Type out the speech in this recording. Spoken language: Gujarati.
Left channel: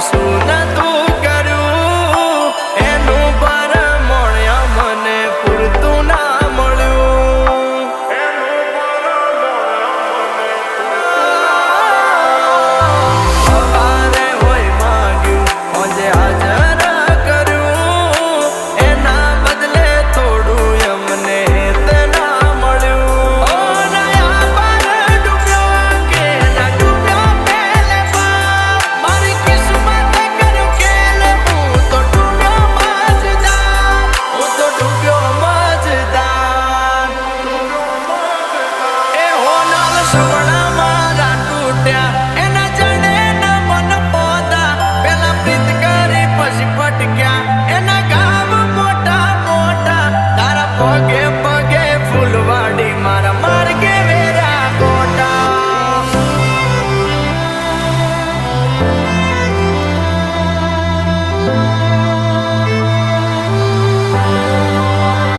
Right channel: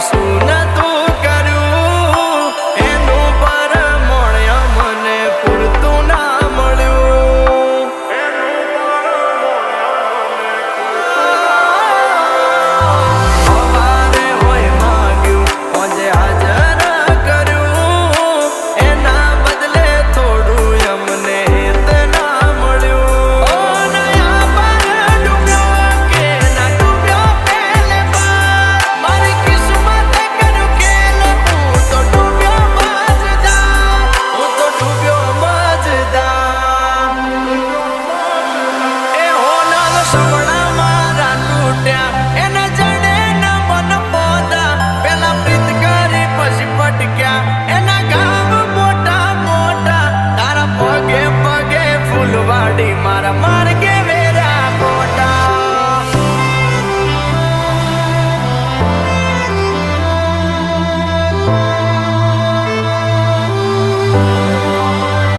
શું નતું કર્યું એનું પરમણ મને પૂરતું ના મળ્યું. એનું પરમણ મને સવારે હોય માંગ્યું આજે હાજર કર્યું એના બદલે થોડું અમને ના મળ્યું. ઓ નયા પર ડૂબ્યો કે ના ડૂબ્યો પહેલે પર મારી કિસ્મત કર્યું ખેલ હું તો ડૂબ્યો મજદાર. હું તો ડૂબ્યો મજદાર. એ હોનલ સપના મારા તૂટ્યા